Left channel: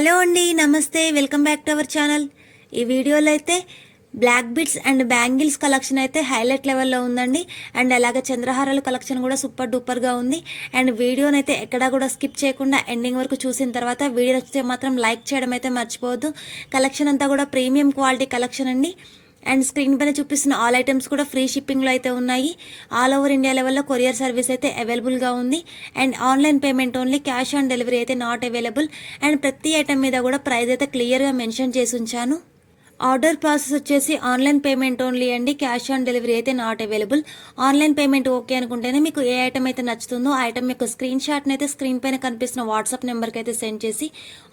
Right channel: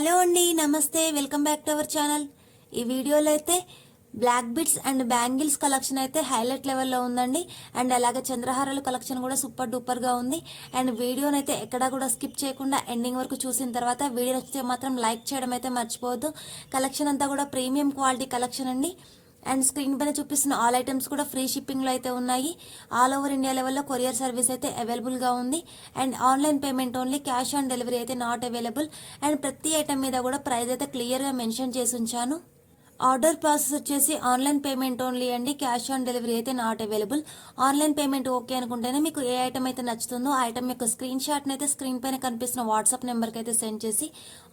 Hello అండి, నమస్తే, welcome back to our channel. ఈ వీడియోలో అయితే black bits and bangles collection అయితే హైలైట్ లెవెల్లో ఉందండి. అండ్ అలాగే చంద్రహారాల కలెక్షన్ కూడా సూపర్ డూపర్గా ఉంది. అండ్ వీడియోని అయితే ఎక్కడా కూడా స్కిప్ చేయకుండా ఎండింగ్ వరకు చూసిన తర్వాత వీడియో నచ్చితే మాత్రం లైక్ చేయడం అయితే మర్చిపోవద్దు. కలెక్షన్ అంతా కూడా ప్రీమియం క్వాలిటీ కలెక్షన్ అండి. అండ్ స్క్రీన్ పైన చూపిస్తున్న ఆల్ ఐటమ్స్ కూడా ఫ్రీ షిప్పింగ్లో అయితే ఉన్నాయి. ఆల్ ఓవర్ ఇండియా లెవెల్లో కొరియర్ సర్వీస్ అయితే అవైలబుల్గా ఉంది. And online payment only, cash on delivery అయితే నాట్ అవైలబుల్. అండ్ ప్రతి ఐటమ్ మీద కూడా ప్రైస్ అయితే క్లియర్గా మెన్షన్ చేసి ఉంచాను. ఆర్డర్ ప్రాసెస్ వచ్చేసి ఆన్లైన్ పేమెంట్ ఓన్లీ అండి, క్యాష్ ఆన్ డెలివరీ అయితే not available. Online payment okay అనుకుంటేనే మీకు ఏ ఐటమ్ అయితే నచ్చుతుందో ఆ ఐటమ్ యొక్క స్క్రీన్ షాట్ని అయితే స్క్రీన్ పైన కనిపిస్తున్న వాట్సాప్ నెంబర్కి అయితే సెండ్ చేసి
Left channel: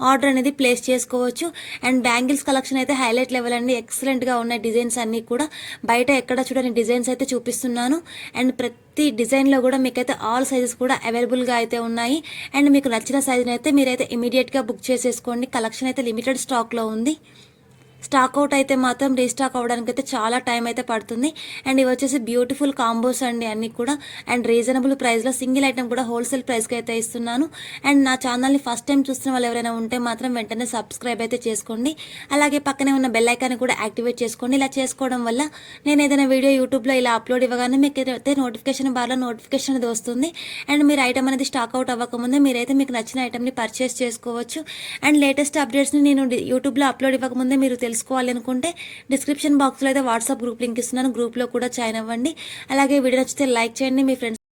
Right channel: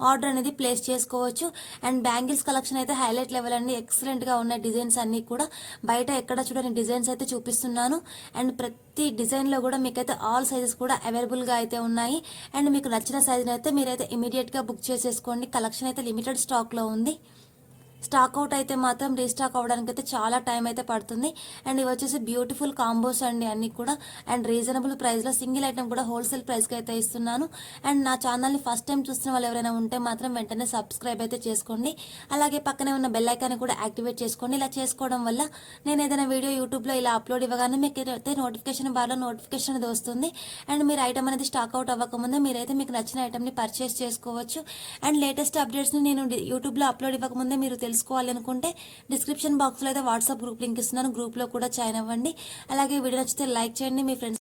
ఆర్డర్ అనేది ప్లేస్ చేసుకోవచ్చు. అండ్ బ్యాంగిల్స్ కలెక్షన్ అయితే హైలైట్ లెవెల్ అండి, ఎక్సలెంట్గా ఉన్న డిజైన్స్ అన్నీ కూడా బయట ఎక్కడ చూడని డిజైన్స్ అయితే చూపిస్తున్నాను. అండ్ ప్రతి డిజైన్లో కూడా మీకైతే ఆల్ సైజెస్ కూడా అవైలబుల్గా అయితే ఉన్నాయి. అండ్ మీకు నచ్చిన సైజ్ని అయితే మీరైతే ఇమీడియట్గా బుక్ చేసేసుకోండి. కలెక్షన్ అయితే లిమిటెడ్ స్టాక్లో ఉంది. స్టాక్ అవుట్ అయితే మాత్రం రీస్టాక్ అవ్వడానికి అయితే చాలా టైం అయితే పడుతుంది. అండ్ ఇవి వచ్చేసి బ్యూటిఫుల్ కాంబోస్ అండి అన్నీ కూడా. అండ్ రీజనబుల్ ప్రైస్లో సింగిల్ ఐటమ్ కూడా హోల్సేల్ ప్రైస్కి అయితే ఇస్తున్నాను. అండ్ నా ఛానల్ని ఫస్ట్ టైం చూస్తున్న వాళ్ళు ఎవరైనా ఉంటే మాత్రం వెంటనే సబ్స్క్రైబ్ అయితే చేసుకోండి. అలాగే పక్కనే ఉన్న బెల్ ఐకాన్ కూడా యాక్టివేట్ చేసుకోండి. ఇలా చేసుకోవడం వల్ల నేను ఏదైనా వీడియో యూట్యూబ్లో ఇలా అప్లోడ్ ఇవ్వగానే మీకు అయితే నోటిఫికేషన్ బార్లో నోటిఫికేషన్ అనేది వస్తుంది. అండ్ మీరు ఐటమ్ అనేది స్టాక్ అవుట్ అవ్వకముందే మీరైతే మీకు నచ్చిన ఐటమ్ని పర్చేస్ చేసుకోవచ్చు. అండ్ లేటెస్ట్ అప్డేట్స్ని నేను యూట్యూబ్లో అప్లోడ్ ఇవ్వకముందే మీరు తెలుసుకోవాలి అనుకుంటే డిస్క్రిప్షన్ బాక్స్లో అయితే వాట్సాప్ గ్రూప్ లింక్ ఇస్తున్నాను, గ్రూప్లో కూడా జాయిన్ అవ్వండి. అలాగే వీడియో నచ్చితే లైక్ చేయండి, మీ ఫ్రెండ్స్